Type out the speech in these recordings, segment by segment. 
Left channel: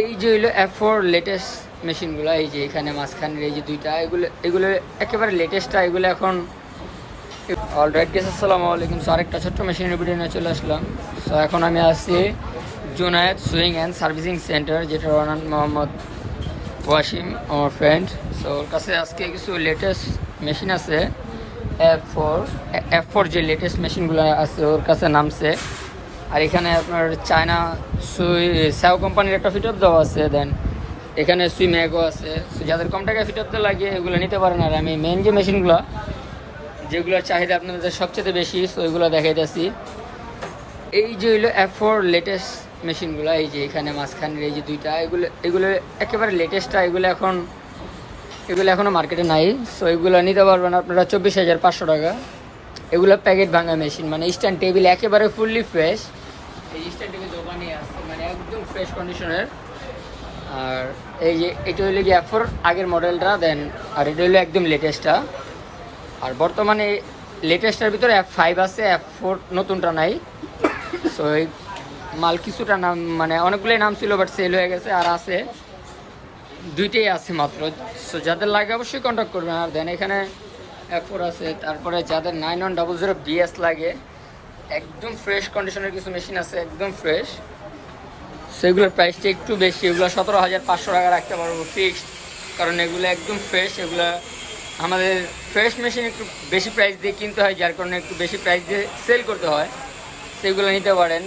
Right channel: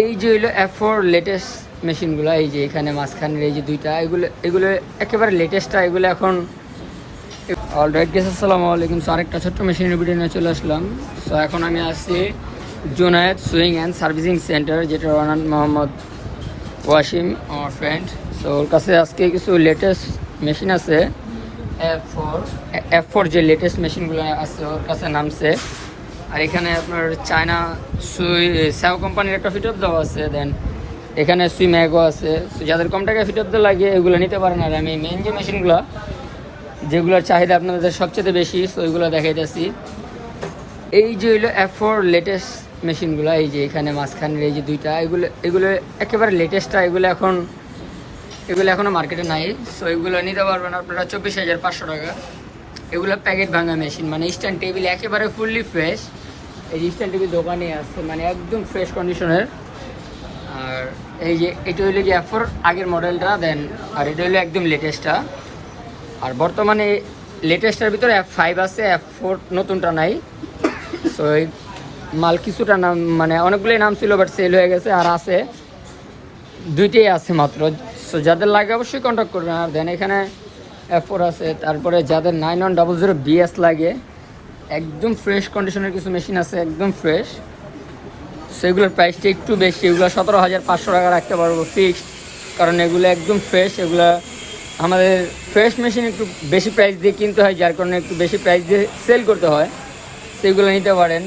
এই যে হইল এফ ফোর লেটেস্ট মেশিনগুলো এই যে এখানে মাঝখানের এই যে দুইটা, এগুলো এগুলো একেবারে লেটেস্টটা এগুলো এখন অলরাইট গেস আসসালামু আলাইকুম। সো আরেকটা ছোট্ট মেশিনের ভিডিও নিয়ে চলে আসলাম। সো এখন আমি আছি Junaid sewing and servicing centre যেটা রানান মোহাম্মদ ওয়াসিম, আমার ফ্রেন্ড সো ওর কাছে আজকে কিছু লেটেস্ট মেশিন আছে। এফ ফোর এফ ফোর যে লেটেস্ট মেশিনগুলো আছে, ওর কাছে নামছে। আর এখানে আপনার চায়না সুই স্যাও কোম্পানির একটা ফিটআপ দেওয়া আছে, দেন এখানে সুই ম্যাগও আছে। যাদের কম টাকায় ফিটআপ দেওয়া লাগে, এগুলো নিতে পারেন। আর আমি মেন যে মেশিনগুলো, যেগুলোর চাহিদা আপনাদের সবচেয়ে বেশি, তো ওইগুলো দেখাইতেছি। এই যে হইল ফোর লেটেস্ট মেশিনগুলো, এই যে এখানে মাঝখানের এই যে দুইটা, এগুলো এগুলো একেবারে লেটেস্টটা এগুলো এখন, এগুলো এখনও মার্কেটে নাই। সো এগুলো নিতে পারবেন আপনারা চব্বিশ হাজার পাঁচশো টাকা। এগুলো প্যাকেট ভাঙা মেশিন মানে স্ট্যান্ড টেবিল একেবারে ফুললি ফ্রেশ এই আছে মানে একদম ফ্রেশ কন্ডিশনের আর এই যে, এটা হইল যে এফ ফোর আগের মডেলটা দেন আর এটা হইল একদম লেটেস্টটা আর বর্তমানে লেটেস্টের ভিতরে এফ ফাইভ আছে এফ ফোর নতুনটা নাই। তো এই মাল কিছুটা নাম মানে অনেকগুলোই নাম ছিল বাট সেল হয়ে গেছে আর আছে। দুইটাই আছে মাত্র। সো যাদের লাগে অবশ্যই কন্ট্যাক্ট করবেন। আর দেন এখানে এফ ফোর আছে, তারপরে যাদের nine one double zero BS লাগে একদম ফ্রেশ কন্ডিশনের কিছু মেশিন আছে, একদম ফ্রেশ সেগুলোর প্রাইসটা একটু বেশি। ওগুলো সতেরো হাজার পাঁচশো টাকা রাখতে পারব ফিক্সড কারণ এগুলো একদম ফ্রেশ এগুলো আমাদের ফ্রেশ মেশিন একটু বেশি প্রাইস দিয়ে কিনতে হয়, যার কারণে একটু বেশি প্রাইস দিয়ে সেল করতে হয়। সেগুলো নিতে পারেন।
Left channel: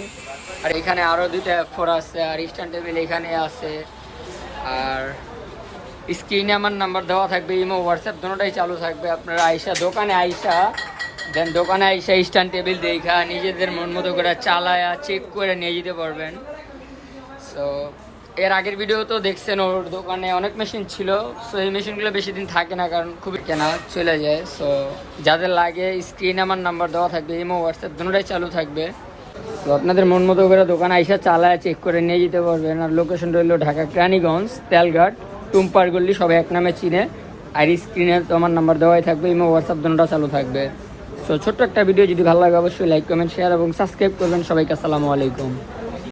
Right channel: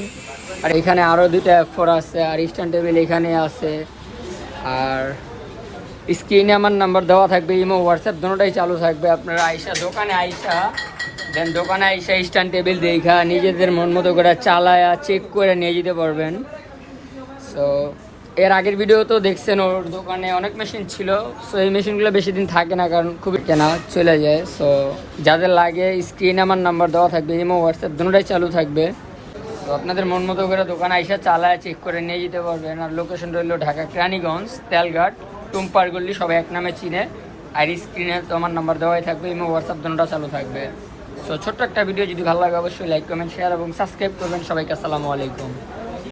আর এখানে আরও দুইটা ফোর আছে, আর স্ট্যান্ড টেবিল এখানে আছে। আর স্ক্রিনে আমার নাম্বার দেওয়া থাকবে ইমো হোয়াটসঅ্যাপ দুটোটাই চালু থাকবে। আপনারা আইসা, দোকানে আইসা দেন, দোকানে আইসা স্ট্যান্ড টেবিল দেখা, নিজেদের মন মতো করে চালায়া চেক করে নিয়ে যেতে পারবেন। সো এর আগের ভিডিও তো দেখছেন, ওর দোকানে অনেক মেশিন ছিল। সো এই মেশিনগুলো বেশি দিন থাকে না, কারণ খুবই কেনা চলে যায়। সো যাদের লাগে স্ক্রিনে আমার নাম্বার দেওয়া থাকবে ইমো হোয়াটসঅ্যাপ দুটোটাই চালু থাকবে। আপনাদের মন মতো করে দোকানে আইসা চালায় চেক করে নিয়ে যেতে পারবেন। আর লোকেশন রইল ঢাকা, ক্রানীগঞ্জ, তেলঘাট, টুম্পার গল্লি সবাই এক নামে চিনে। আর স্ক্রিনে তোমার নাম্বার দেওয়াই থাকবে ইমো হোয়াটসঅ্যাপ দুটোটা চালু থাকবে। সো ছোট্ট একটা ভিডিও যদি ভালো লাগে, অবশ্যই লাইক কমেন্ট শেয়ার এবং সাবস্ক্রাইব করবেন। সবাইকে আসসালামু আলাইকুম।